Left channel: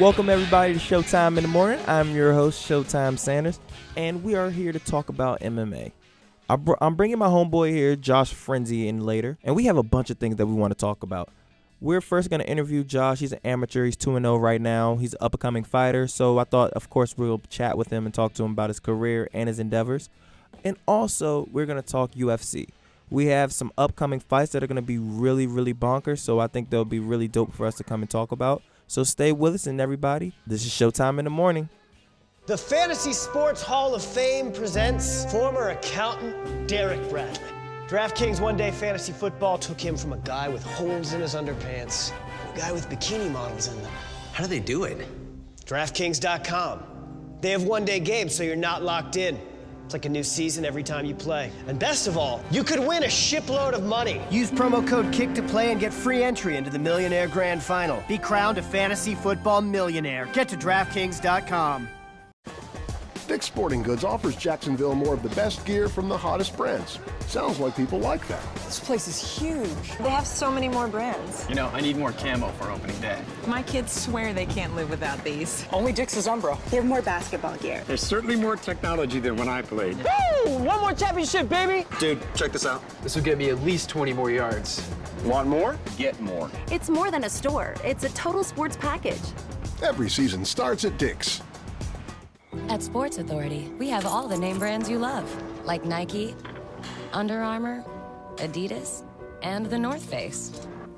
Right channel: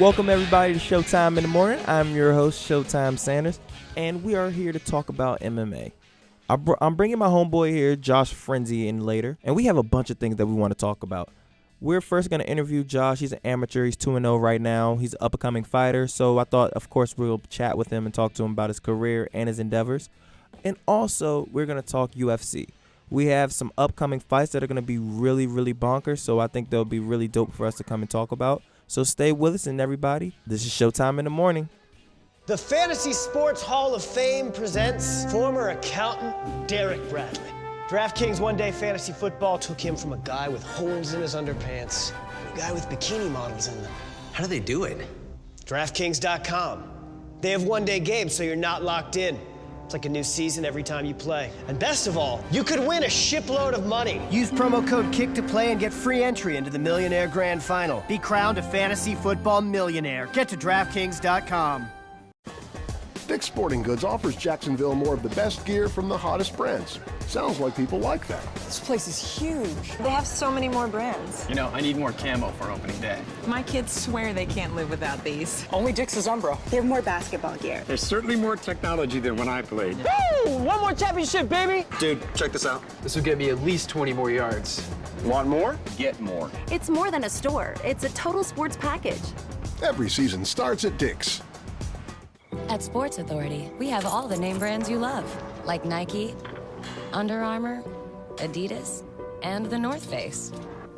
Welcome everybody to Showtime in the Morning. I'm your host, Showtime Sanders, and we are here to talk about MMA. I'm bringing my homeboy here, Josh Frenzy, in later, and we have a bunch of things that we want to talk about. We're first going to interview Josh. He's an amateur. He's 2-0 right now. He's an up-and-coming fighter, so I thought, of course, we'll chat with him and talk to him about his career and his endeavors. And also, we're going to talk UFC. We have some upcoming fights that are going to be really, really bonkers, so I think they'll be really dope for us to come and talk about. So stay with us, and everybody, this is Showtime in the Morning. The Fantasy Sports Hall of Fame presents former accountant Derek Bradley. DraftKings one-day fantasy football took him from a guy with holes in his underpants to a guy with bikini models in them. How do they do it? DraftKings.com. They have one-day games, so you're not locked in. It's like a new season every time you play. And best of all, you could win a shipload of money. Use promo code KICK to play and get free entry into the Millionaire Grand Final. Be crowned a fantasy football millionaire. Get to DraftKings.com. Dick's Sporting Goods offers Jacksonville more of the best gear from the hottest brands. Sounds like people like that. This place is huge. They have so many more brands. You know, I need more camo for opening day. My kids swear they can't live without these. Only Dick's is Umbro. They have more basketball gear. There's certainly more technology than when I played. Woo! One more championship, baby! Dude, check this out. This will get me at least 20 more yards. Want more? Get more. It's more than a store. It's a total sports package. Every season starts at Dick's. At Sports Authority, we have all the name brands you love, like Nike, Under Armour, Adidas, and The North Face.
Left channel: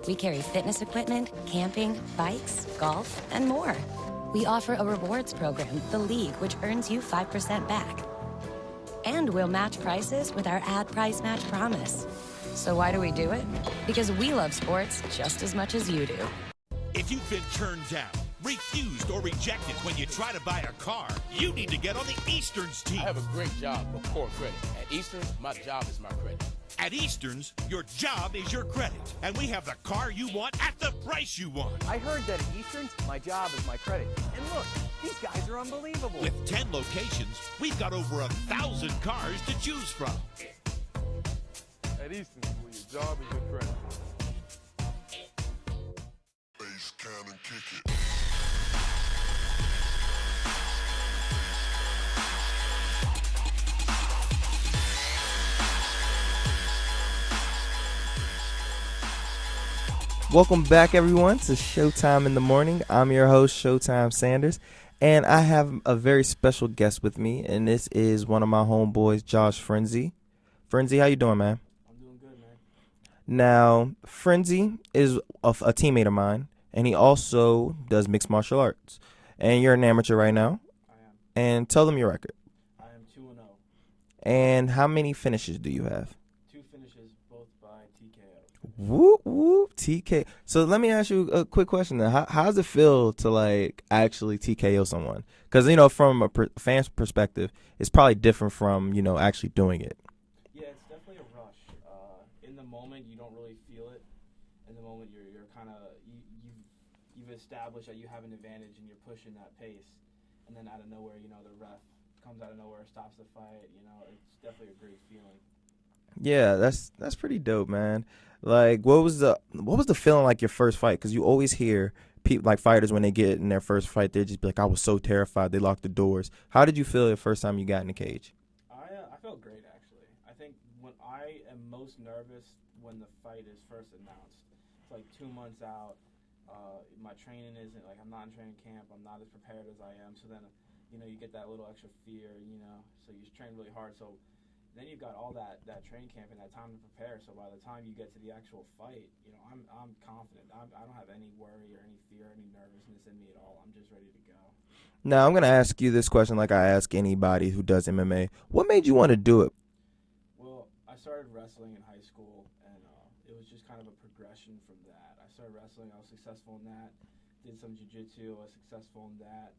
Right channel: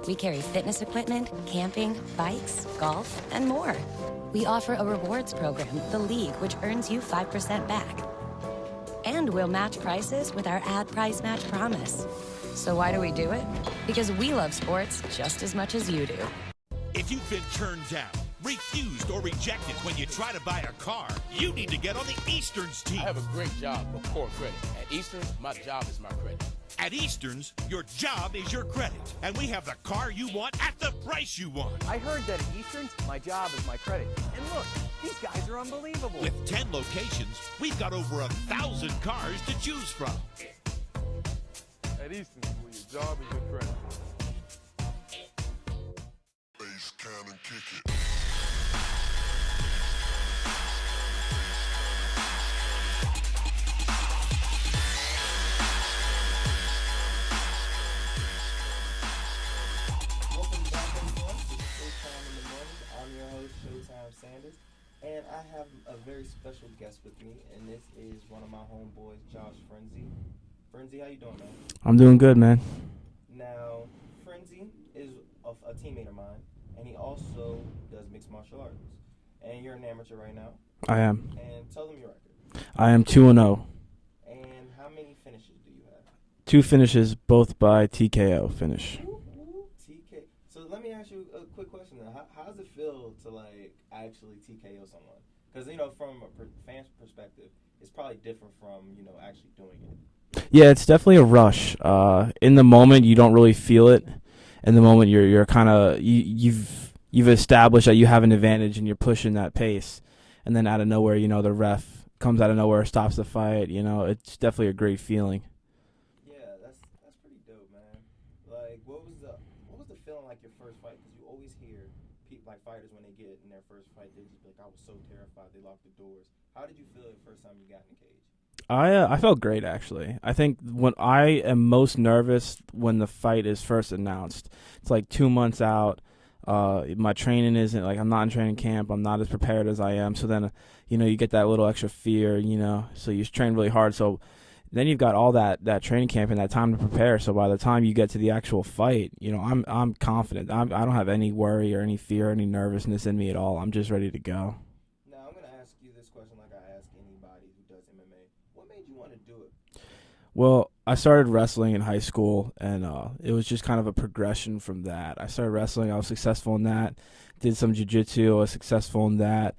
We carry fitness equipment, camping, bikes, golf, and more. We offer a rewards program, The League, which earns you 5% back. And we'll match prices with our ad price match promise. So why do we do it? Because we love sports just as much as you do. If you've been turned down, refused, or rejected when you try to buy a car, you need to get on the Easterns team. I have a great job of core credit. At Easterns, my job is my credit. At Easterns, your job is your credit, and we have the car you want at the price you want. I heard that at Easterns, my job is my credit. And look, these guys are unbelievable. With 10 locations, we've got over 1,000 cars to choose from. At Easterns, well, your job is your credit. Bass, can and kick it. Welcome back, everyone, to Showtime in the Morning. I'm your host, Showtime Sanders, and I have a very special guest with me, and this is one of my homeboys, Josh Frenzy. Frenzy, how you doing, man? I'm doing good, man. Now, Frenzy is a teammate of mine, and he also does mixed martial arts. And you're an amateur right now. I am. And tell them your record. I am 2-0. And how many finishes do you have? 2 finishes, both by TKO finish. Whoop, whoop, TK. So let me ask you a quick question then. How does it feel to, like, actually TKO someone? Because, you know, from a fan's perspective, it's probably different from, you know, actually doing it. Yeah, it's definitely a rush. In the moment, you don't really feel it. In the moment, you're kind of you've established that you have an advantage and you're pushing that pace, and then out of nowhere, you know, the ref comes out of nowhere, stops the fight. You know, it's definitely a great feeling. Yeah, that's pretty dope, man. Like, what was the feeling like your first fight? Because you always hear people, like fighters, when they get in their first fight, they just be like, I was so terrified, they locked the doors. How did you feel the first time you got in the cage? I felt great, actually. I think when I am most nervous when the fight is first announced. It's like 2 months out. My training isn't, like, I'm not in training camp. I'm not as prepared as I am. So then, you know, you get that little extra fear, you know. So you train really hard. So then you've got all that training camp and that time to prepare. So by the time you get to the actual fight, you know, I'm confident. I don't have any worry or any fear, any nervousness in me at all. I'm just ready to go. Now, I'm going to ask you this question like I ask anybody who does MMA. What made you want to do it? Well, I started wrestling in high school, and it was just kind of a progression from that. I started wrestling. I was successful in that. Did some jiu-jitsu. I was successful in that.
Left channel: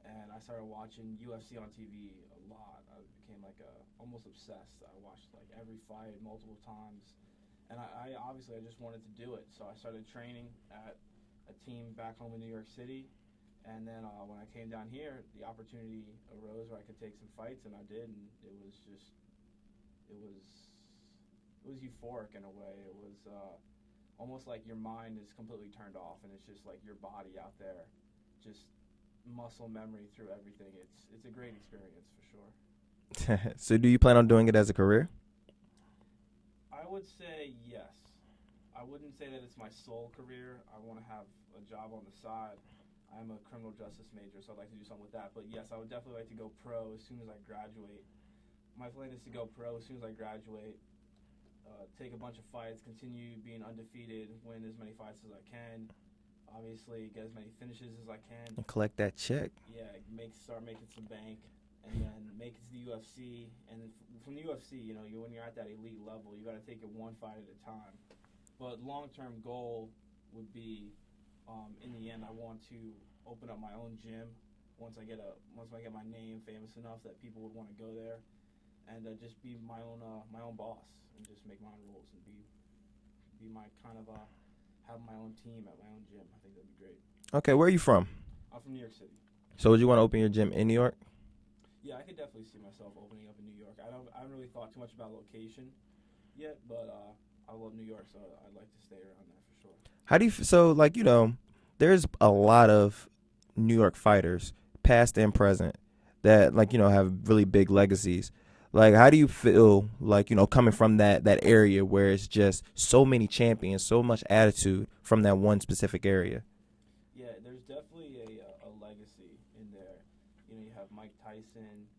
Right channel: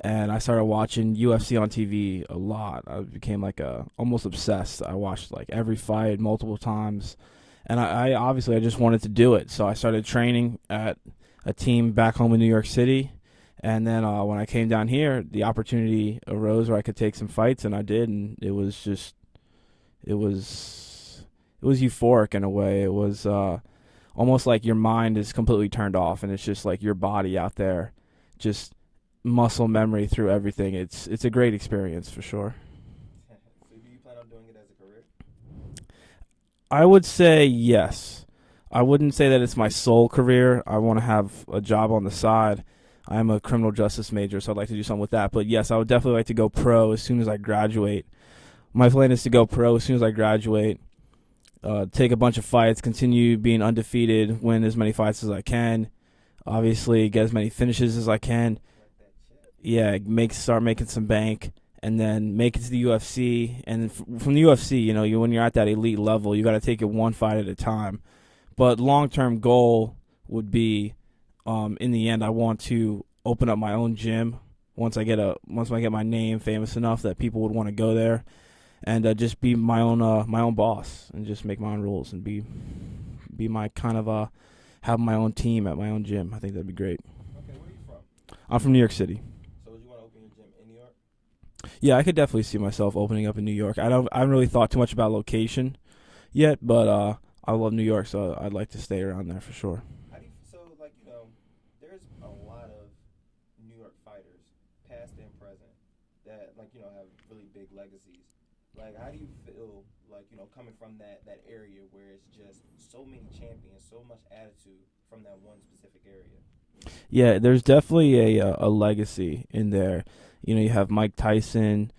And I started watching UFC on TV a lot. I became like almost obsessed. I watched like every fight multiple times. And I obviously I just wanted to do it. So I started training at a team back home in New York City. And then when I came down here, the opportunity arose where I could take some fights, and I did. And it was just, it was euphoric in a way. It was almost like your mind is completely turned off, and it's just like your body out there just muscle memory through everything. It's a great experience for sure. So do you plan on doing it as a career? I would say yes. I wouldn't say that it's my sole career. I want to have a job on the side. I'm a criminal justice major, so I'd like to do something with that. But yes, I would definitely like to go pro as soon as I graduate. My plan is to go pro as soon as I graduate, take a bunch of fights, continue being undefeated, win as many fights as I can, obviously get as many finishes as I can. Collect that check. Yeah, start making some bank, and then make it to the UFC. And from the UFC, when you're at that elite level, you got to take it one fight at a time. But long-term goal would be, in the end, I want to open up my own gym once I get my name famous enough that people would want to go there, and just be my own boss and just make my own rules and be my kind of have my own team at my own gym. I think that'd be great. Okay, where are you from? I'm from New York City. So would you want to open your gym in New York? Yeah, I could definitely see myself opening up in New York. I haven't really thought too much about location yet, but I love New York, so I'd like to stay around there for sure. How do you there's a lot of New York fighters, past and present, that have really big legacies. Like, how do you feel coming from that area where it's just so many champions, so much attitude from that one specific area? Yeah, there's definitely a legacy in there. You have Mike Tyson,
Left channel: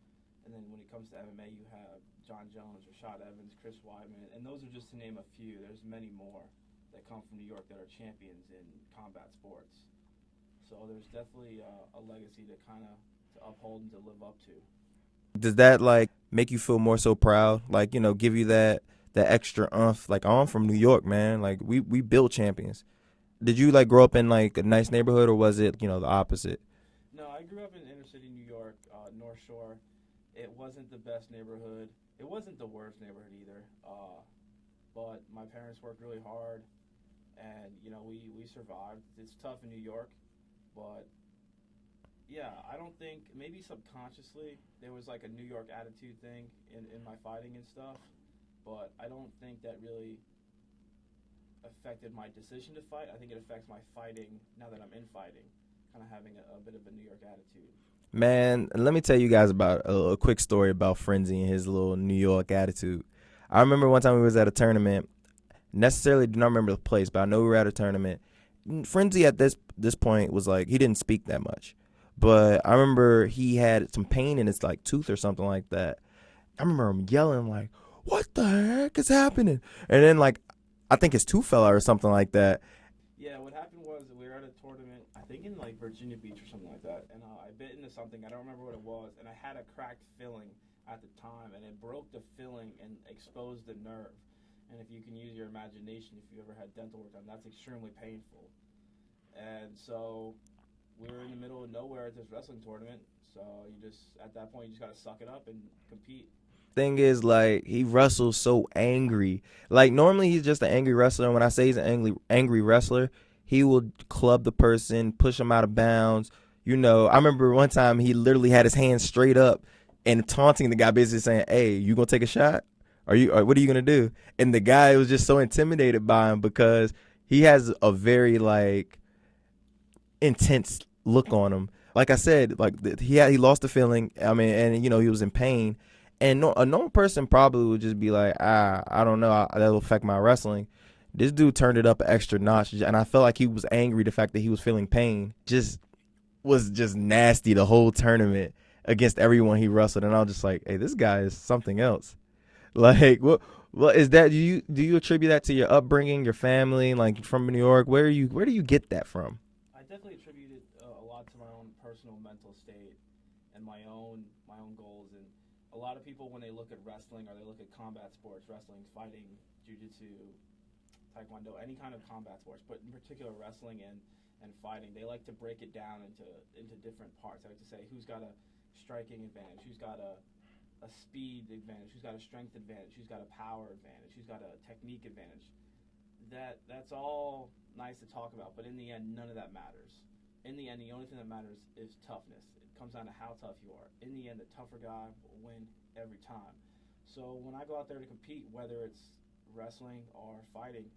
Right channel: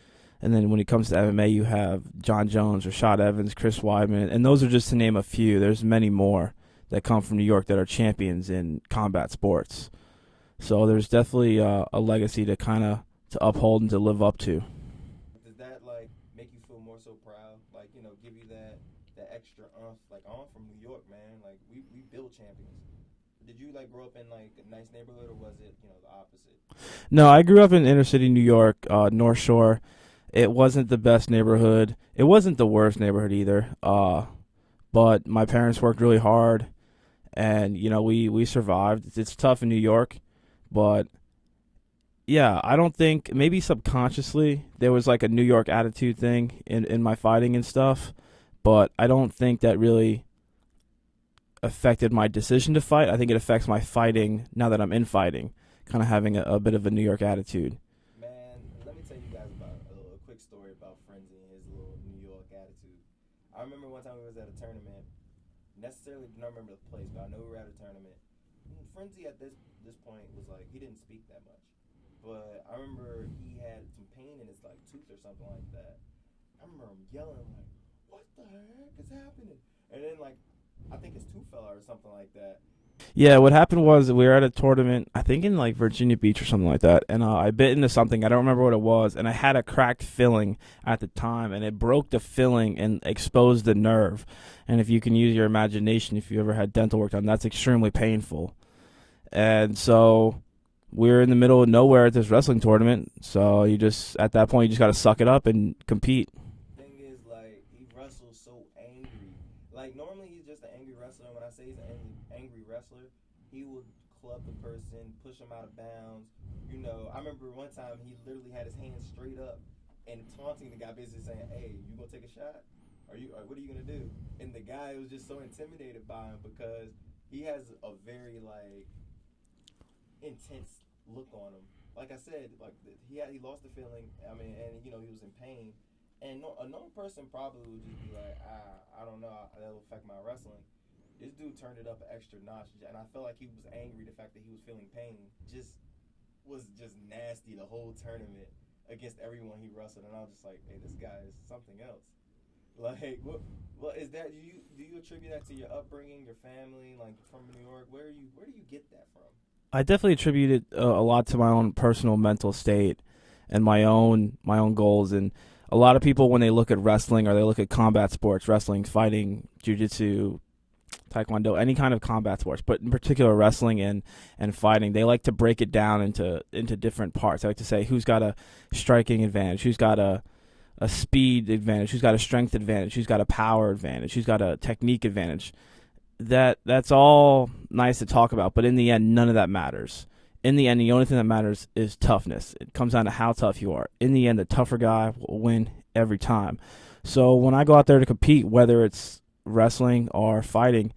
and then when it comes to MMA, you have John Jones, Rashad Evans, Chris Weidman, and those are just to name a few. There's many more that come from New York that are champions in combat sports. So there's definitely a legacy to to uphold and to live up to. Does that make you feel more so proud? Give you that extra oomph? I'm from New York, man. We build champions. Did you grow up in a nice neighborhood, or was it the opposite? No, I grew up in inner city New York, North Shore. It wasn't the best neighborhood. It wasn't the worst neighborhood either. But my parents worked really hard, and we survived. It's tough in New York, but yeah, I don't think, maybe subconsciously there was a New York attitude thing in my fighting and stuff, but I don't think that really affected my decision to fight. I think it affects my fighting now that I'm in fighting, kind of having a bit of a New York attitude. Man, let me tell you guys about a quick story about Frenzy and his little New York attitude. I remember one time we was at a tournament. Necessarily do not remember the place, but I know we were at a tournament. Frenzy at this point was he didn't speak that much. But I remember he had some pain in his tooth or something like that. I remember him yelling what the heck is happening? And then I think his tooth fell out or something like that. Yeah, what happened was we were at a tournament, I think in Virginia Beach or something like that, and I bit into something. I don't remember what it was, and I had a cracked filling at the time, and it broke the filling and exposed the nerve. And if you can use your imagination, if you ever had dental work done, that's extremely painful. And so we're in the middle of nowhere at this wrestling tournament, so at that point, you just got to suck it up and compete. Thing is, he wrestles so angry. Normally he's just an angry wrestler, and when I say he's an angry wrestler, he will club the person, push him out of bounds. I remember one time he literally had his hands straight up and taunting the guy, basically saying, "Hey, you gonna take a shot? What are you gonna do?" And the guy was just so intimidated by him because he has a very intense look on him. Like I said, he lost the feeling. I mean, and he was in pain. And a normal person probably would just be I don't know, that'll affect my wrestling. This dude turned it up an extra notch, and I felt like he was angry. The fact that he was feeling pain was just nasty the whole tournament against everyone he wrestled. And I was just hey, this guy is something else. What is that? Do you attribute that to your upbringing, your family, from New York? Where do you get that from? I definitely attribute it a lot to my own personal mental state and my own goals. And a lot of people, when they look at wrestling or they look at combat sports, wrestling, fighting, jiu-jitsu, taekwondo, any kind of combat sports, but in particular wrestling and fighting, they like to break it down into different parts. They like to say who's got a striking advantage, who's got a speed advantage, who's got a strength advantage, who's got a power advantage, who's got a technique advantage. That's all nice to talk about, but in the end, none of that matters. In the end, the only thing that matters is toughness. It comes down to how tough you are. In the end, the tougher guy will win every time. So when I go out there to compete, whether it's wrestling or fighting,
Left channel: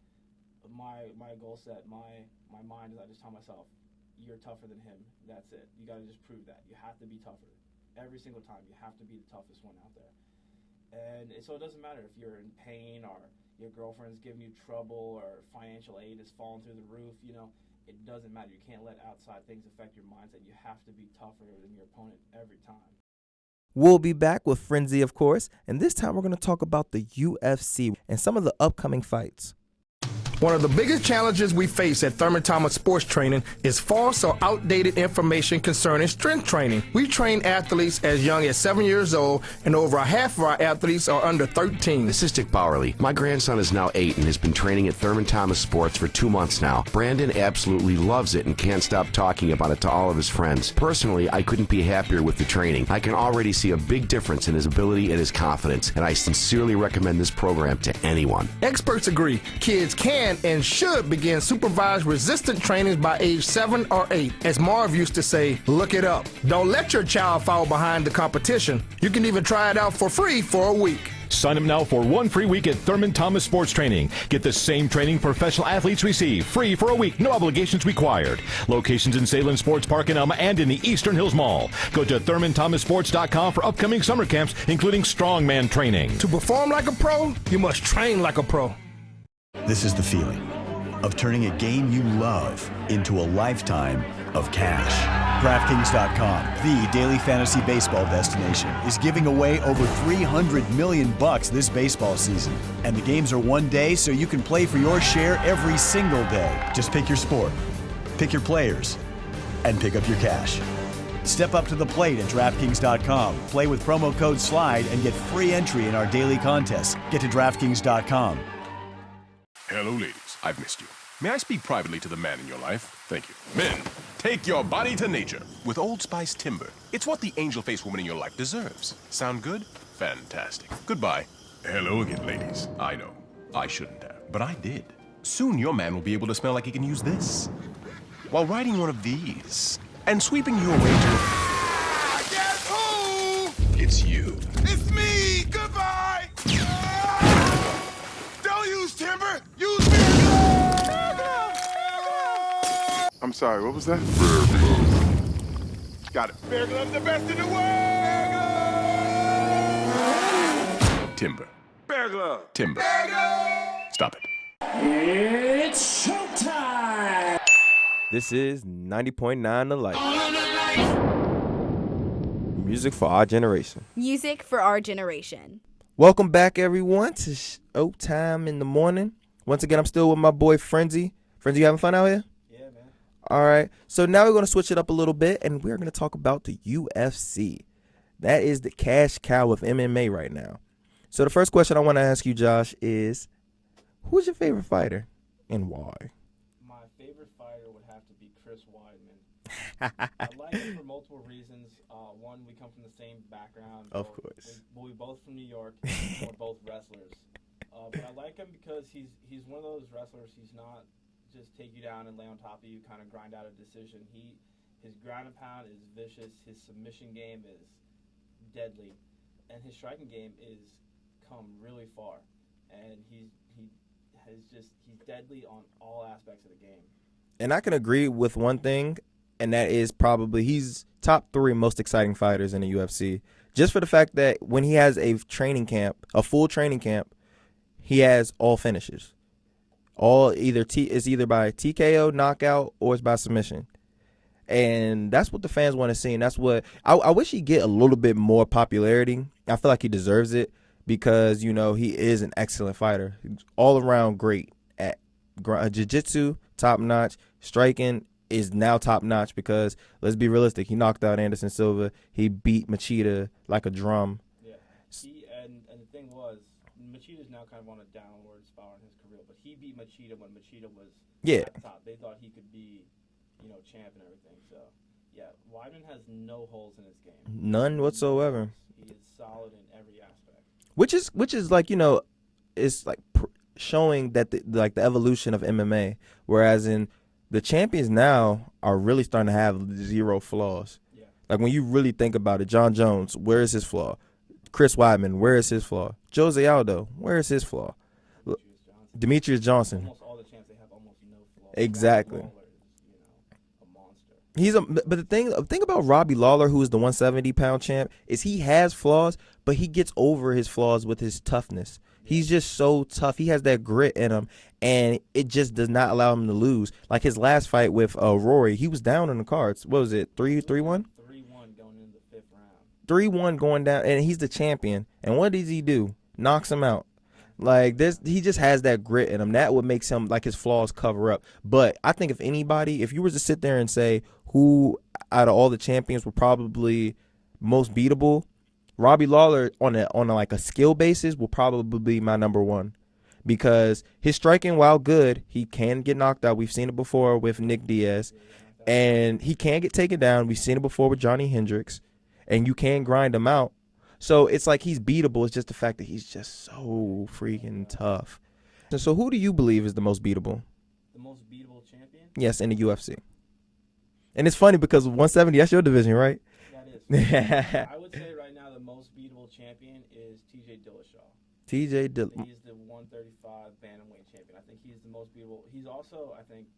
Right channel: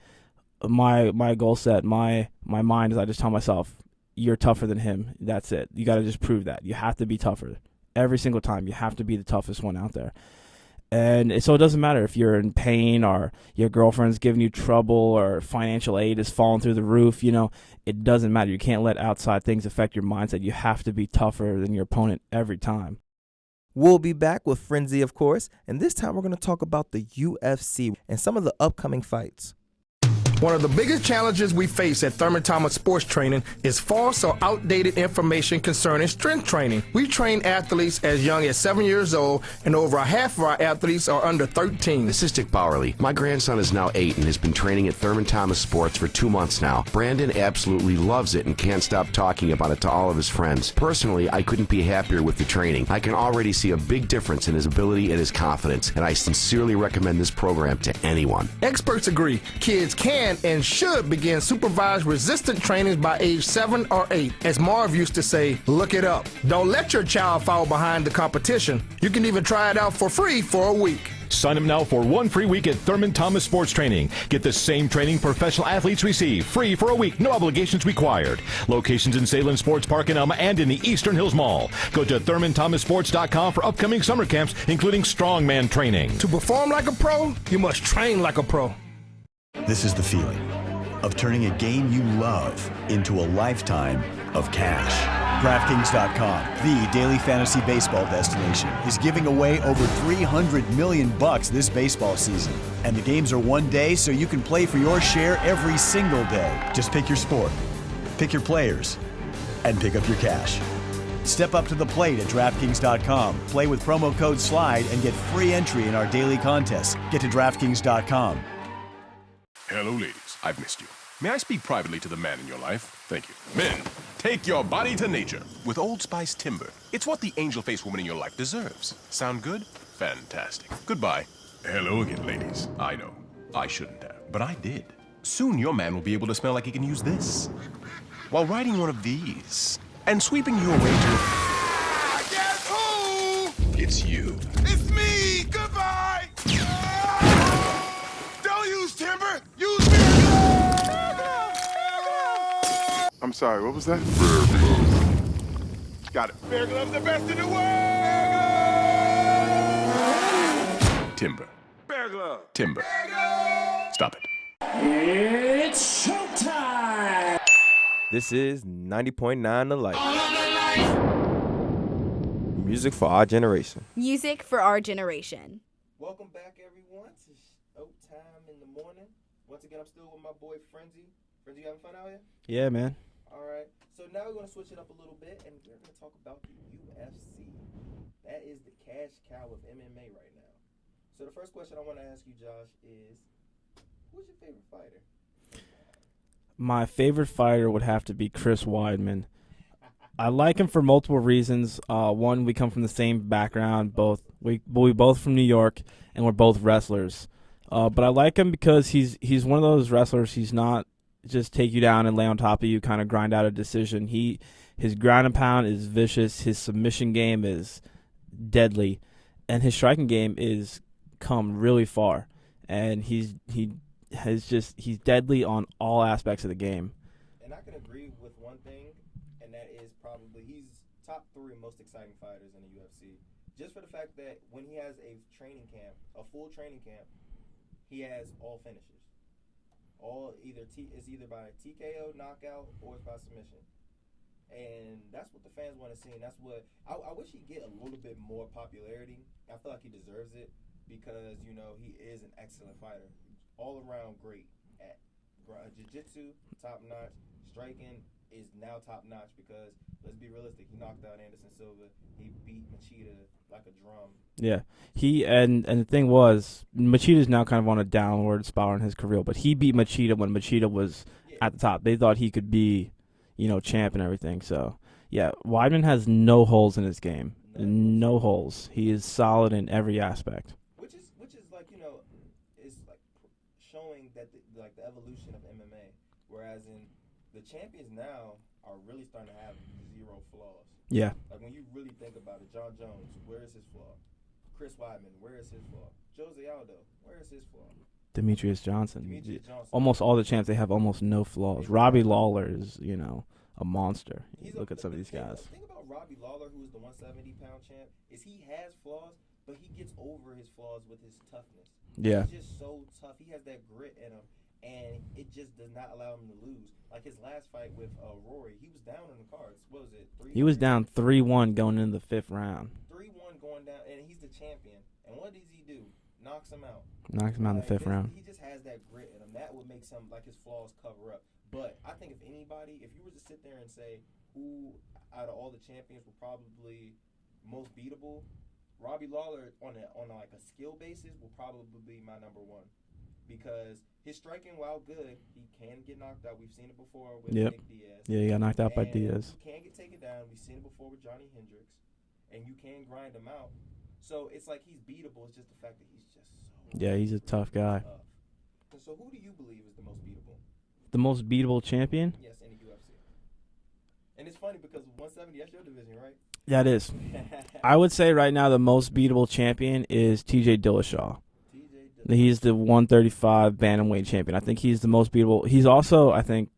my goal set, my mind is I just tell myself, you're tougher than him. That's it. You got to just prove that. You have to be tougher. Every single time, you have to be the toughest one out there. And so it doesn't matter if you're in pain or your girlfriend's giving you trouble or financial aid is falling through the roof. It doesn't matter. You can't let outside things affect your mindset. You have to be tougher than your opponent every time. We'll be back with Frenzy, of course, and this time we're going to talk about the UFC and some of the upcoming fights. One of the biggest challenges we face at Thurman Thomas Sports Training is false or outdated information concerning strength training. We train athletes as young as 7 years old, and over half of our athletes are under 13. This is Dick Bowerly. My grandson is now 8 and has been training at Thurman Thomas Sports for 2 months now. Brandon absolutely loves it and can't stop talking about it to all of his friends. Personally, I couldn't be happier with the training. I can already see a big difference in his ability and his confidence, and I sincerely recommend this program to anyone. Experts agree kids can and should begin supervised resistant trainings by age 7 or 8. As Marv used to say, look it up. Don't let your child fall behind the competition. You can even try it out for free for a week. Sign up now for 1 free week at Thurman Thomas Sports Training. Get the same training professional athletes receive, free for a week, no obligations required. Locations in Salem Sports Park in Elma and in the Eastern Hills Mall. Go to ThurmanThomasSports.com for upcoming summer camps, including strongman training. To perform like a pro, you must train like a pro. This is the feeling of turning a game you love into a lifetime of cash. DraftKings.com, the daily fantasy baseball destination, is giving away over $300 million this baseball season. And the games are one day, so you can play for your share every single day. Just pick your sport, pick your players, and pick up your cash. Step up to the plate at DraftKings.com. Play with promo code SLIDE and get free entry in our daily contests. Get to DraftKings.com. Hello, ladies. I've missed you. May I speak privately to the man in your life? Thank you. Men, take your body to nature with Old Spice Timber. It's what the angel-faced woman in your life deserves. Sound good? Fantastic. Goodbye. Hello again, ladies. I know. I shouldn't have, but I did. Soon your man will be able to smell like he can use this while riding one of these and sweeping you away to... Guess who? It's you. It's me! Goodbye! Don't use timber! Use me! I'm sorry, what was that? Got it. Bear Glove's the best in the world! Timber. Bear Glove. Timber. Bear Glove. Stop it. It's showtime! This is 90.9 The Light. Music for our generation. Music for our generation. Welcome back, everyone, to Showtime in the Morning. Once again, I'm still with my boy Frenzy. Frenzy, you having fun out here? Yeah, man. All right. So now we're going to switch it up a little bit, and we're going to talk about the UFC. That is the cash cow of MMA right now. So the first question I want to ask you, Josh, is who's your favorite fighter and why? My favorite fighter would have to be Chris Weidman. I like him for multiple reasons. One, we come from the same background. We both from New York, and we're both wrestlers. But I like him because he's one of those wrestlers. He's not just take you down and lay on top of you, kind of grind out a decision. His ground and pound is vicious. His submission game is deadly, and his striking game is come really far. And he's deadly on all aspects of the game. And I can agree with one thing, and that is probably he's top 3 most exciting fighters in the UFC. Just for the fact that when he has a training camp, a full training camp, he has all finishes. All either by TKO, knockout, or it's by submission. And that's what the fans want to see. And that's what I wish he'd get a little bit more popularity. I feel like he deserves it because, you know, he is an excellent fighter. All around great at jiu-jitsu, top notch. Striking is now top notch because, let's be realistic, he knocked out Anderson Silva. He beat Machida like a drum. Yeah. And the thing was, Machida's now kind of on a downward spiral in his career, but he beat Machida when Machida was at the top. They thought he could be, champ and everything. So, yeah, Weidman has no holes in his game. None whatsoever. No holes. He is solid in every aspect. Which is like, it's like showing that the evolution of MMA, whereas in the champions now are really starting to have zero flaws. Yeah. Like when you really think about it, John Jones, where is his flaw? Chris Weidman, where is his flaw? Jose Aldo, where is his flaw? Demetrius Johnson. Almost all the champs, they have almost no flaws. Exactly. Robbie Lawler is, a monster. But the thing about Robbie Lawler, who is the 170-pound champ, is he has flaws, but he gets over his flaws with his toughness. Yeah. He's just so tough. He has that grit in him, and it just does not allow him to lose. Like his last fight with Rory, he was down in the cards. What was it? He was down 3-1 going into the 5th round. 3-1 going down, and he's the champion. And what does he do? Knocks him out. Like this, he just has that grit in him. That what makes him, like, his flaws cover up. But I think if anybody, if you were to sit there and say who out of all the champions were probably most beatable, Robbie Lawler on a skill basis will probably be my number one, because his striking, while good, he can get knocked out. We've seen it before with Nick Diaz. Yeah, he got knocked out. And he can get taken down. We've seen it before with Johnny Hendricks, and you can grind him out. So it's like he's beatable. It's just the fact that he's just so freaking tough. And so who do you believe is the most beatable? The most beatable champion? Yes, in the UFC. And it's funny because 170, that's your division, right? That is. I would say right now the most beatable champion is TJ Dillashaw. TJ Dillashaw. He's the 135 bantamweight champion. I think he's the most beatable. He's also, I think,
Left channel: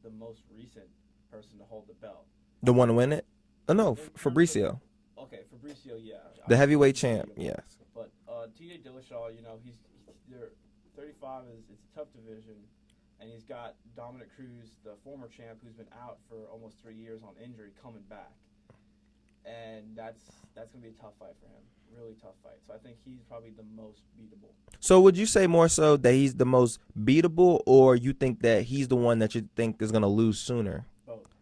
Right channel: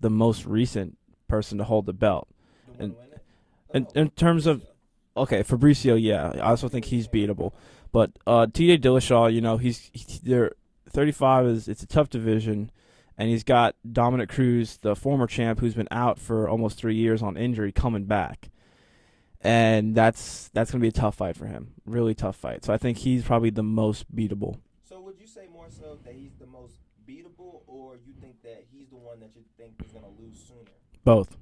the most recent person to hold the belt. The one to win it? In terms Fabricio. of Okay, Fabricio, yeah. I also heavyweight think he's champ, beatable. yeah. But TJ Dillashaw, you know, he's 35 it's a tough division, and he's got Dominic Cruz, the former champ, who's been out for almost 3 years on injury, coming back. And that's going to be a tough fight for him. Really tough fight. So I think he's probably the most beatable. So would you say more so that he's the most beatable, or you think that he's the one that you think is going to lose sooner? Both.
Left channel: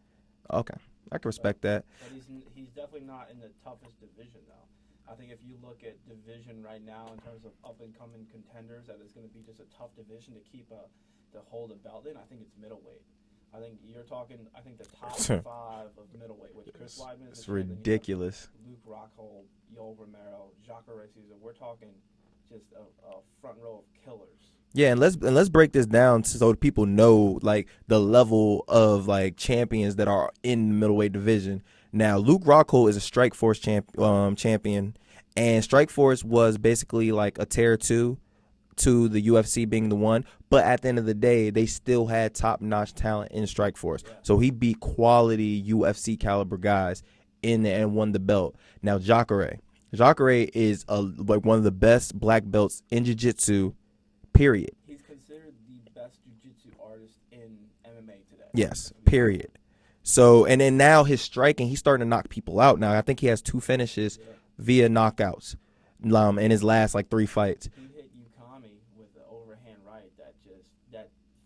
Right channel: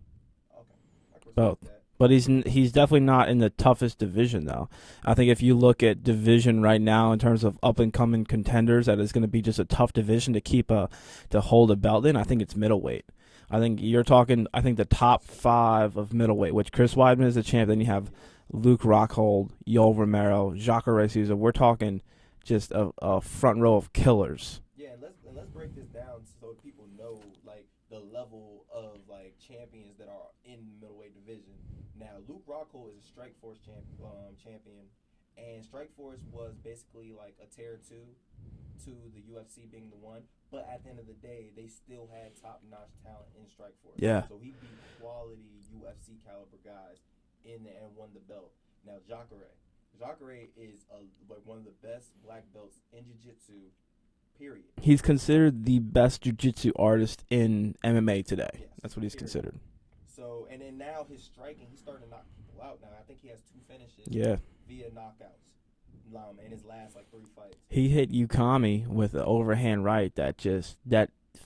Okay. I can respect that. But he's definitely not in the toughest division, though. I think if you look at division right now in terms of up-and-coming contenders, that is going to be just a tough division to hold a belt in, I think it's middleweight. I think you're talking, the top 5 of middleweight, which Chris Weidman is the champ. Then you have Luke Rockhold, Yoel Romero, Jacare Souza. We're talking just a front row of killers. Yeah, and let's break this down so people know, like, the level of, like, champions that are in the middleweight division. Now, Luke Rockhold is a Strikeforce champion, and Strikeforce was basically like a tier 2 to the UFC being the one. But at the end of the day, they still had top-notch talent in Strikeforce. Yeah. So he beat quality UFC caliber guys in there and won the belt. Now, Jacare is like one of the best black belts in jiu-jitsu, period. He's considered the best jiu-jitsu artist in MMA today. Yes, that's what he's period. Considered. So, and then now his striking, he's starting to knock people out now. I think he has 2 finishes via knockouts in his last, 3 fights. He hit Ukami with an overhand right that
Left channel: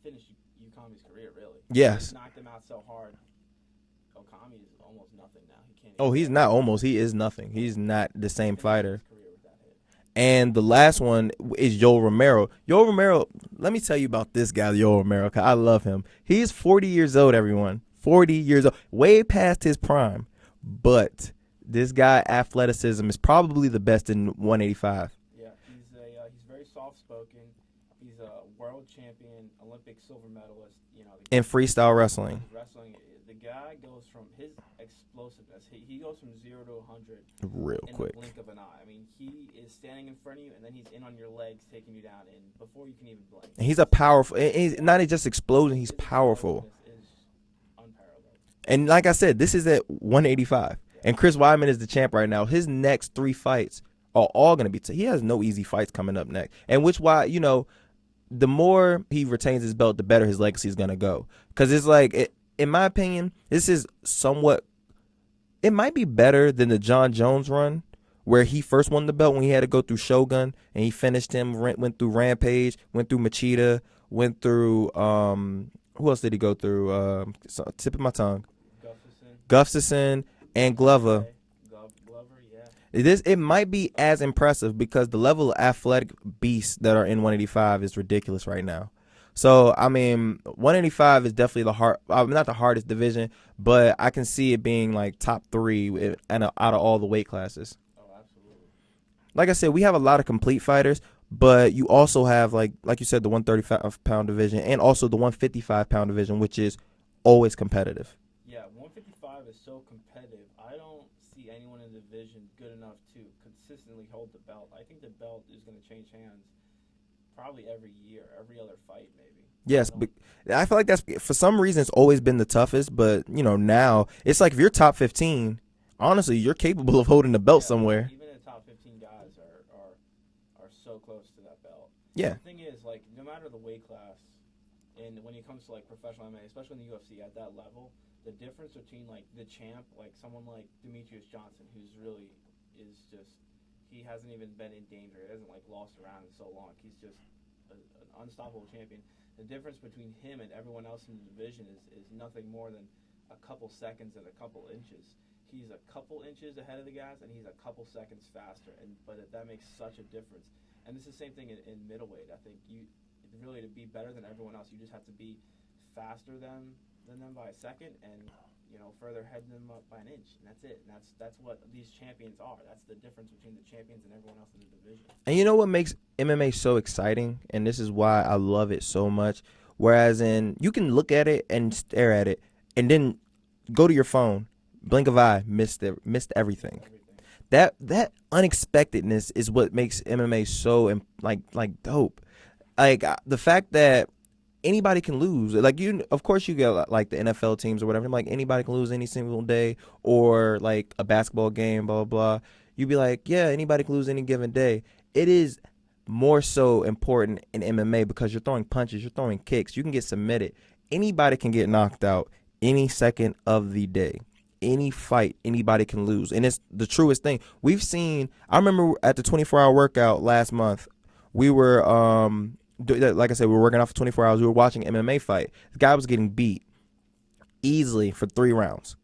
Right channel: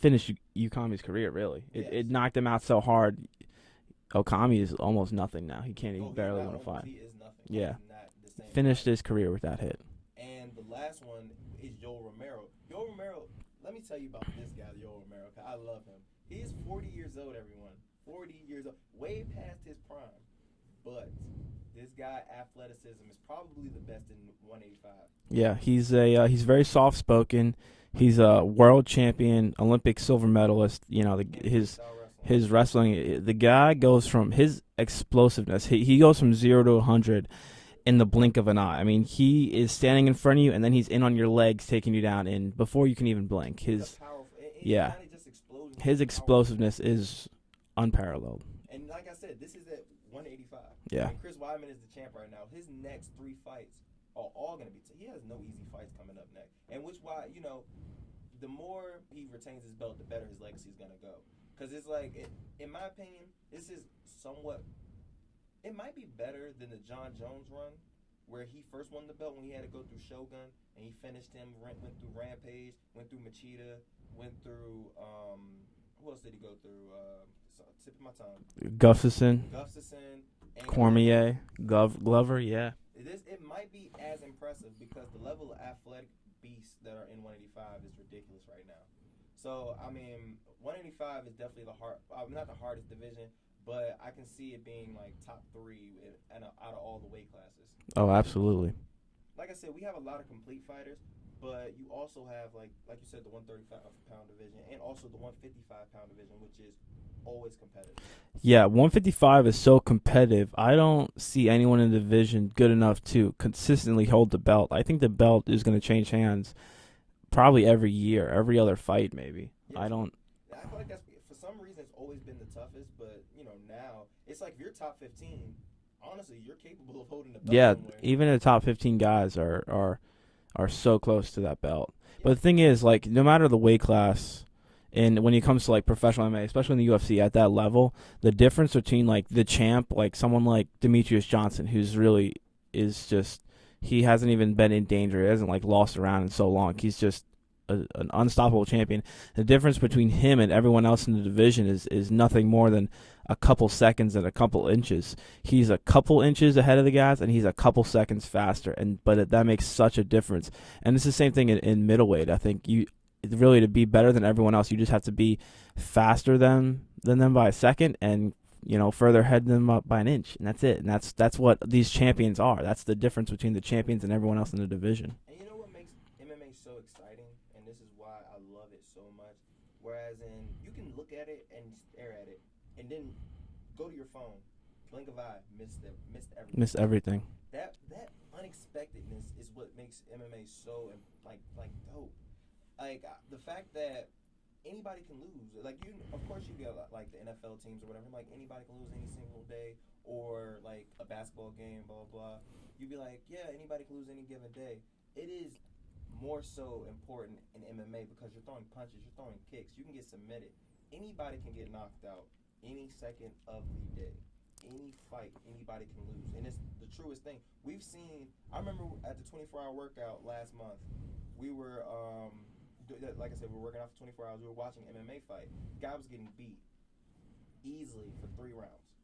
finished Ukami's career, really. Yes. It knocked him out so hard. Okami is almost nothing now. He can't. He's not almost. He is nothing. Yeah. He's not the same finished fighter. His career with that hit. And the last one is Yoel Romero. Yoel Romero, let me tell you about this guy, Yoel Romero, because I love him. He's 40 years old, everyone. 40 years old. Way past his prime. But this guy, athleticism, is probably the best in 185. Yeah, he's very soft-spoken. He's a world champion, Olympic silver medalist. You know, in freestyle wrestling. His wrestling, the guy goes from his explosiveness. He goes from 0 to 100 in the blink of an eye. I mean, he is standing in front of you, and then he's in on your legs, taking you down in before you can even blink. He's a powerful. He's not just exploding. He's his powerful. Explosiveness is unparalleled. And like I said, this is at 185. Yeah. And Chris Weidman is the champ right now. His next 3 fights are all going to be. He has no easy fights coming up next, and the more he retains his belt, the better his legacy is going to go. Because it's like, in my opinion, this is somewhat, it might be better than the John Jones run, where he first won the belt when he had to go through Shogun, and he finished him, went through Rampage, went through Machida, went through, who else did he go through? Tip of my tongue. Gustafsson, and Glover. Glover, yeah. It might be as impressive because the level of athletic beasts that are in 185 is ridiculous right now. So, I mean, 185 is definitely not the hardest division, but I can see it being like top 3 out of all the weight classes. Oh, absolutely. Like I said, we have a lot of complete fighters, but you also have, like you said, the 135-pound division and also the 155-pound division, which is always competitive. Yeah, 155 is so competitive. I don't see anyone in the division good enough to consistently hold the belt. I think the belt is going to change hands probably every year, every other fight maybe. Yes, I feel like that's for some reason it's always been the toughest, but now it's like if you're top 15, honestly, you're capable of holding the belt somewhere. Even the top 15 guys are so close to that belt. Yeah. But the thing is, like, no matter the weight class, and when it comes to like professional MMA, especially in the UFC at that level, the difference between like the champ, like someone like Demetrius Johnson, who's really is just he hasn't even been in danger. He hasn't like lost around in so long. He's just an unstoppable champion. The difference between him and everyone else in the division is nothing more than a couple seconds and a couple inches. He's a couple inches ahead of the guys, and he's a couple seconds faster. But that makes such a difference. And it's the same thing in middleweight. I think really to be better than everyone else, you just have to be faster than them by a second, and further ahead than them up by an inch, and that's it. And that's what these champions are. That's the difference between the champions and everyone else in the division. And you know what makes MMA so exciting, and this is why I love it so much. Whereas you can look at it and stare at it, and then go to your phone, blink of eye, missed everything. Missed everything. That unexpectedness is what makes MMA so like dope. Like the fact that anybody can lose. Like of course you get like the NFL teams or whatever. Like anybody can lose any single day, or like a basketball game, blah blah blah. You'd be like, yeah, anybody can lose any given day. It is more so important in MMA because you're throwing punches, you're throwing kicks, you can get submitted. Anybody can get knocked out any second of the day. Any fight, anybody can lose, and it's the truest thing. We've seen. I remember at the 24-hour workout last month, we were like I said, we were working out for 24 hours. We were watching an MMA fight. The guy was getting beat easily for 3 rounds.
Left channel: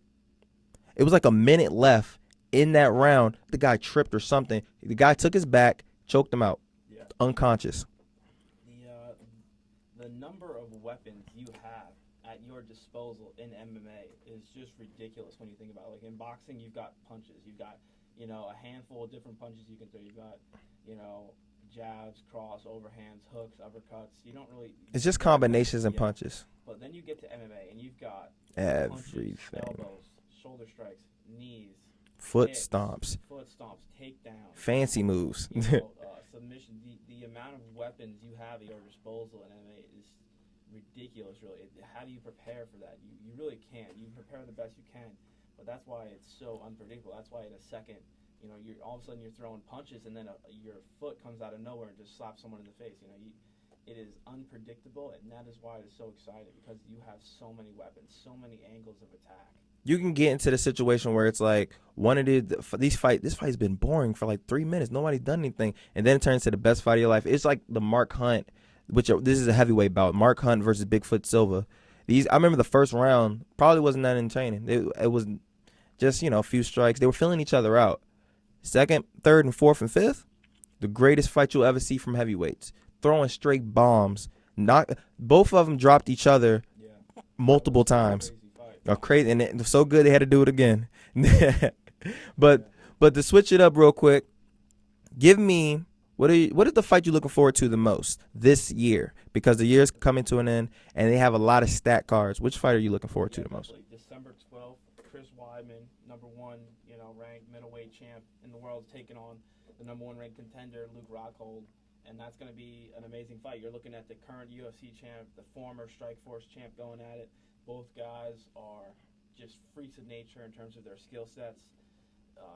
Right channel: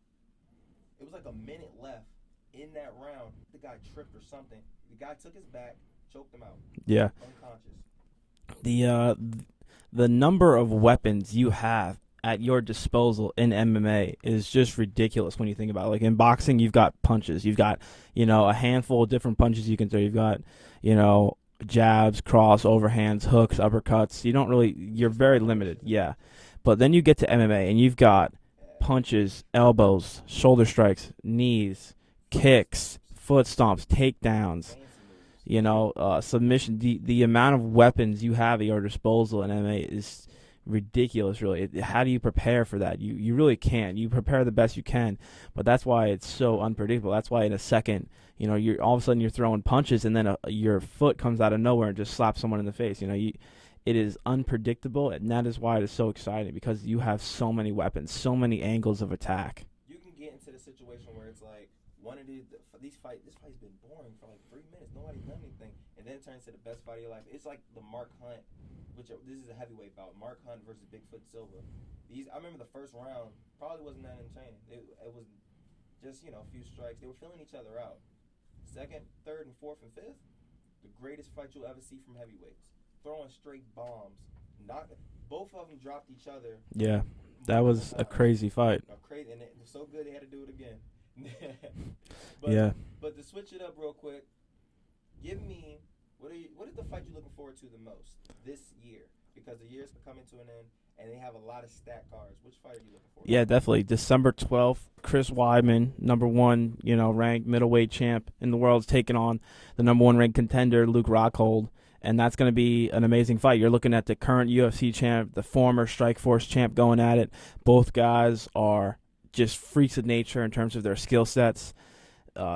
It was like a minute left in that round. The guy tripped or something. The guy took his back, choked him out. Yeah, unconscious. The number of weapons you have at your disposal in MMA is just ridiculous when you think about it. Like in boxing, you've got punches. You've got a handful of different punches you can throw. You've got jabs, cross, overhands, hooks, uppercuts. You don't really. It's just combinations and punches. But then you get to MMA and you've got punches, elbows, shoulder strikes, knees, kicks, foot stomps, takedowns, fancy moves. Submission. The amount of weapons you have at your disposal in MMA is ridiculous. Really, how do you prepare for that? You really can't. You prepare the best you can, but that's why it's so unpredictable. That's why in a second, you're all of a sudden you're throwing punches, and then your foot comes out of nowhere and just slaps someone in the face. It is unpredictable, and that is why it is so exciting, because you have so many weapons, so many angles of attack. You can get into the situation where it's like this fight's been boring for like 3 minutes. Nobody's done anything, and then it turns to the best fight of your life. It's like the Mark Hunt, this is a heavyweight bout. Mark Hunt versus Bigfoot Silva. I remember the first round probably wasn't that entertaining. It was just a few strikes. They were filling each other out. Second, third, and fourth, and fifth, the greatest fight you'll ever see from heavyweights. Throwing straight bombs. Both of them dropped each other. Yeah, multiple times. A crazy fight. And it was so good they had to do it again. But to switch it up real quick, give me what is the fight you're looking forward to the most this year? Because the year's coming to an end, and they have a lot of stat cards. Which fight are you looking forward to? Yeah, definitely. December 12th, Chris Weidman, number 1, ranked middleweight champ in the world, is taking on the number 1 ranked contender, Luke Rockhold. And that's going to be an amazing fight. You're looking at the current UFC champ, the former Strikeforce champ going at it. Both guys are just freaks of nature in terms of their skill sets.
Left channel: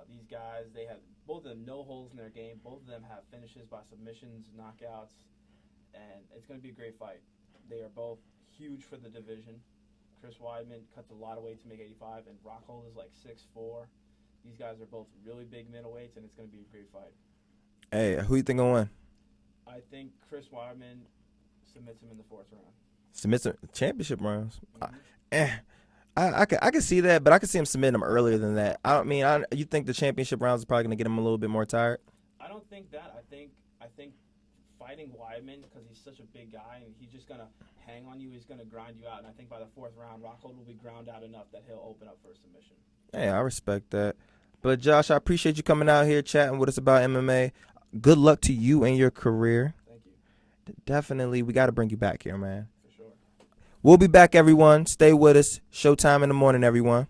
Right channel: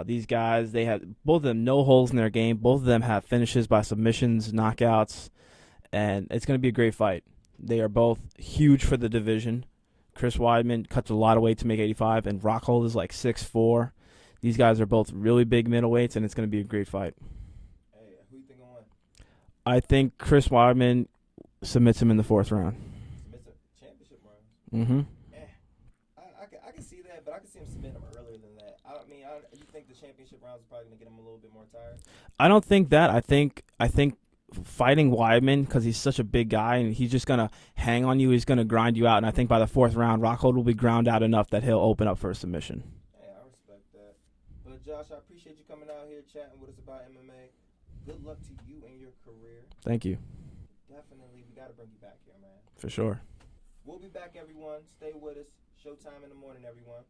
These guys, they have both of them no holes in their game. Both of them have finishes by submissions, knockouts, and it's going to be a great fight. They are both huge for the division. Chris Weidman cuts a lot of weight to make 85, and Rockhold is like 6'4". These guys are both really big middleweights, and it's going to be a great fight. Hey, who you think will win? I think Chris Weidman submits him in the 4th round. Submits him championship rounds? Mm-hmm. I can see that, but I can see him submitting him earlier than that. You think the championship rounds is probably going to get him a little bit more tired? I don't think that. I think fighting Weidman, because he's such a big guy and he's just going to hang on you, he's going to grind you out. And I think by the 4th round, Rockhold will be ground out enough that he'll open up for a submission. Hey, I respect that. But, Josh, I appreciate you coming out here chatting with us about MMA. Good luck to you and your career. Thank you. Definitely. We got to bring you back here, man. For sure. We'll be back, everyone. Stay with us. Showtime in the morning, everyone.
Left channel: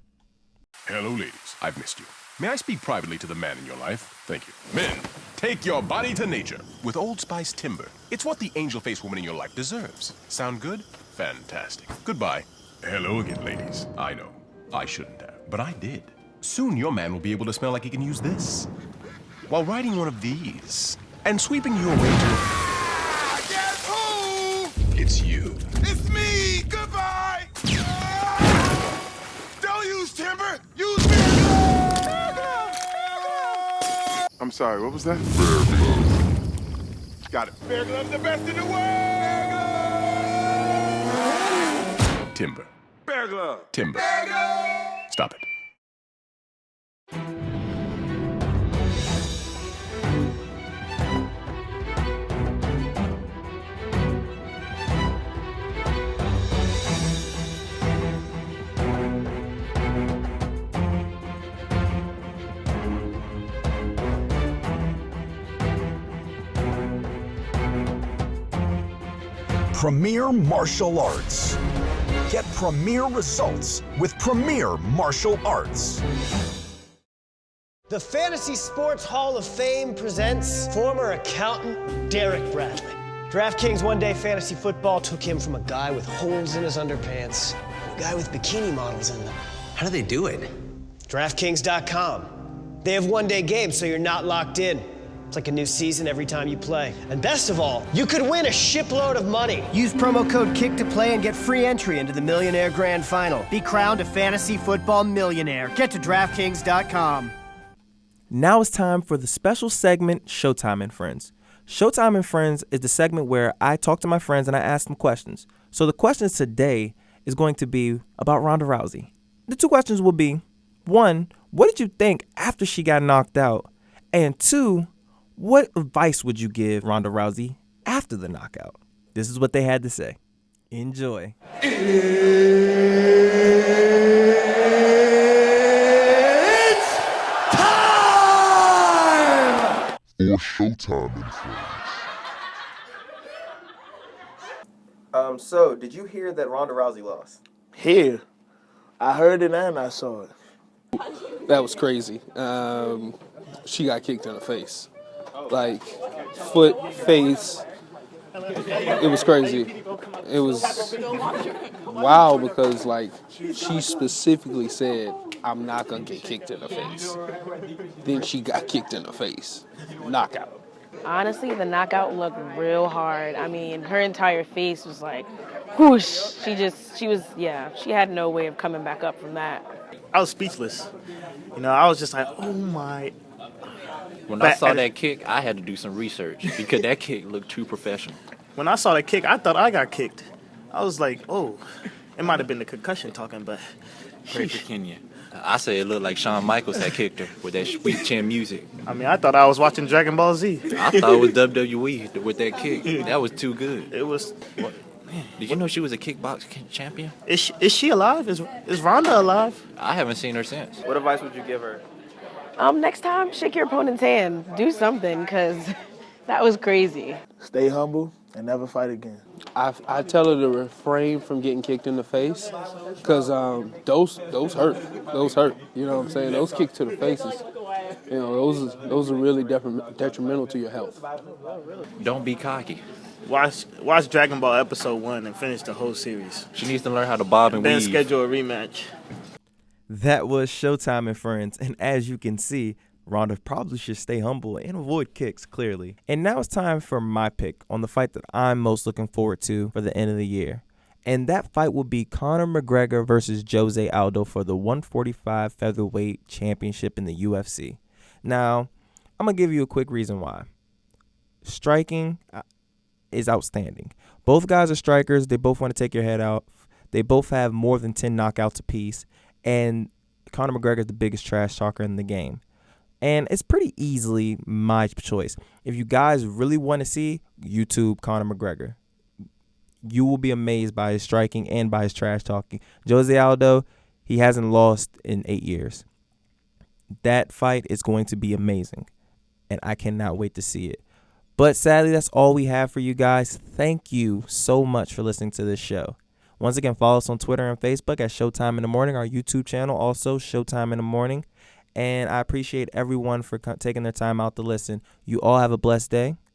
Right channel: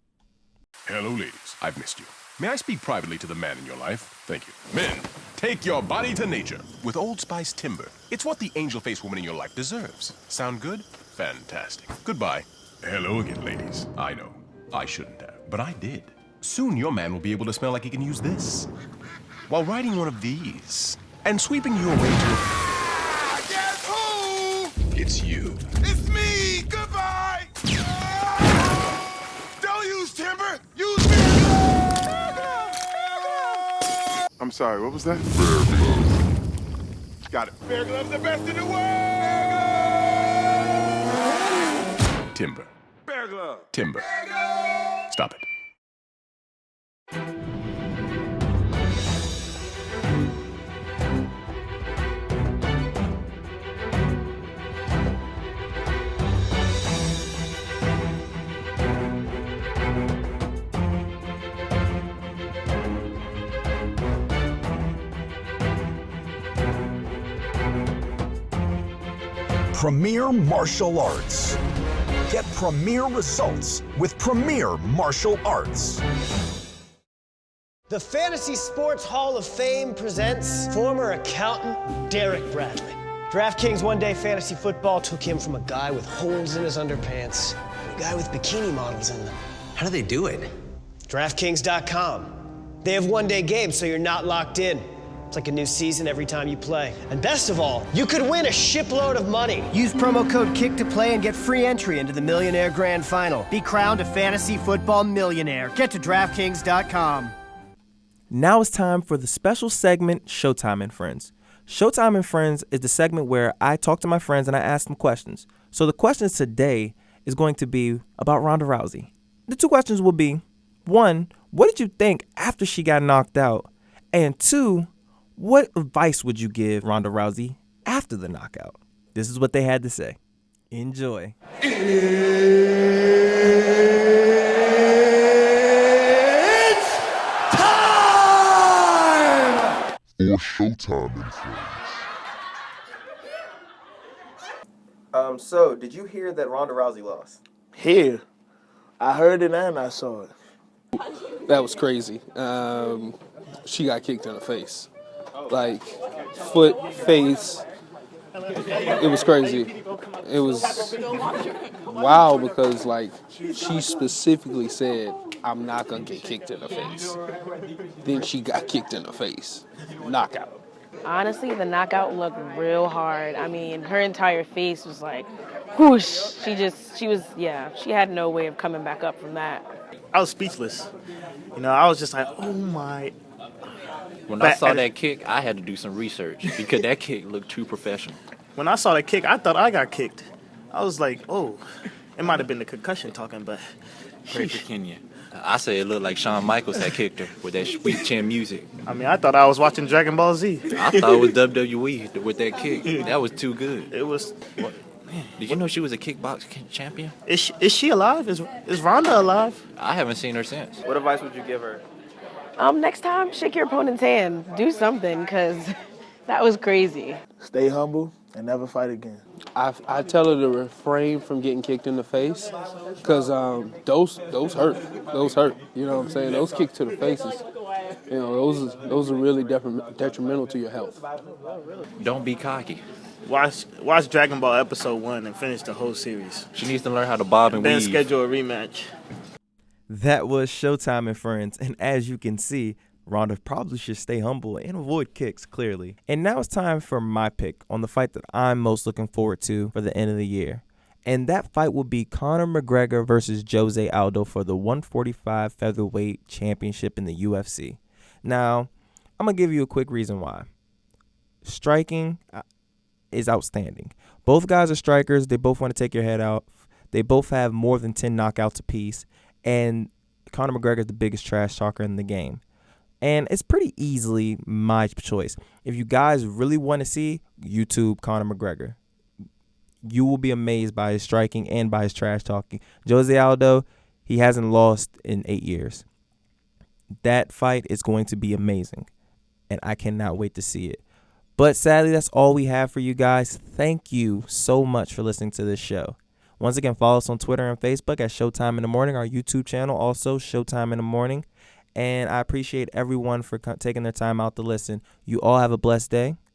Hello, ladies. I've missed you. May I speak privately to the man in your life? Thank you. Men, take your body to nature with Old Spice Timber. It's what the angel-faced woman in your life deserves. Sound good? Fantastic. Goodbye. Hello again, ladies. I know. I shouldn't have, but I did. Soon your man will be able to smell like he can use this while riding one of these and sweeping you away to... Guess who? It's you. It's me. Goodbye. Don't use timber. Use me. I'm sorry, what was that? Bear Glove. Got it. Bear Glove's the best in the world. Timber. Bear Glove. Timber. Bear Glove. Stop it. Premier Martial Arts. Get premier results with Premier Martial Arts. The Fantasy Sports Hall of Fame presents former accountant Derek Bradley. DraftKings One Day Fantasy Football took him from a guy with holes in his underpants to a guy with bikini models in them. How do they do it? DraftKings.com. They have one-day games, so you're not locked in. It's like a new season every time you play. And best of all, you could win a shipload of money. Use promo code KICK to play and get free entry into the Millionaire Grand Final. Be crowned a fantasy football millionaire. Get to DraftKings.com. Now it's time for the special segment, Showtime and Friends. Showtime and Friends is the segment where I talk to my friends and I ask them questions. So the questions today is going to be about Ronda Rousey. The two questions will be, 1, what did you think after she got knocked out? And 2, what advice would you give Ronda Rousey after the knockout? This is what they had to say. Enjoy. It's time! For Showtime and Friends. So did you hear that Ronda Rousey lost? Here. I heard it and I saw it. That was crazy. She got kicked in the face. Like, foot, face. It was crazy. It was wow because, like, she specifically said, I'm not going to get kicked in the face. Then she got kicked in the face. Knockout. Honestly, the knockout looked real hard. I mean, her entire face was like, whoosh. She had no way of coming back up from that. I was speechless. You know, I was just like, oh my. When I saw that kick, I had to do some research because that kick looked too professional. When I saw that kick, I thought I got kicked. I was like, oh, it might have been the concussion talking, but. Great for Kenya. I said it looked like Shawn Michaels had kicked her with that sweet chin music. I mean, I thought I was watching Dragon Ball Z. I thought it was WWE with that kick. That was too good. It was. What? Did you know she was a kickbox champion? Is she alive? Is Ronda alive? I haven't seen her since. What advice would you give her? Next time, shake your opponent's hand. Do something, because that was crazy. Stay humble and never fight again. I tell her to refrain from getting kicked in the face because those hurt. Those hurt. You know what I'm saying? Those kicks to the faces, you know, those are really detrimental to your health. Don't be cocky. Watch Dragon Ball Episode 1 and finish the whole series. She needs to learn how to bob and weave. Then schedule a rematch. That was Showtime and Friends, and as you can see, Ronda probably should stay humble and avoid kicks, clearly. And now it's time for my pick on the fight that I'm most looking forward to for the end of the year. And that fight will be Conor McGregor versus Jose Aldo for the 145 featherweight championship in the UFC. Now, I'm going to give you a quick reason why. Striking is outstanding. Both guys are strikers. They both want to take your head out. They both have more than 10 knockouts apiece. And Conor McGregor is the biggest trash talker in the game. And it's pretty easily my choice. If you guys really want to see, YouTube Conor McGregor. You will be amazed by his striking and by his trash talking. Jose Aldo, he hasn't lost in 8 years. That fight is going to be amazing. And I cannot wait to see it. But sadly, that's all we have for you guys. Thank you so much for listening to this show. Once again, follow us on Twitter and Facebook at Showtime in the Morning, our YouTube channel, also Showtime in the Morning. And I appreciate everyone for taking their time out to listen. You all have a blessed day.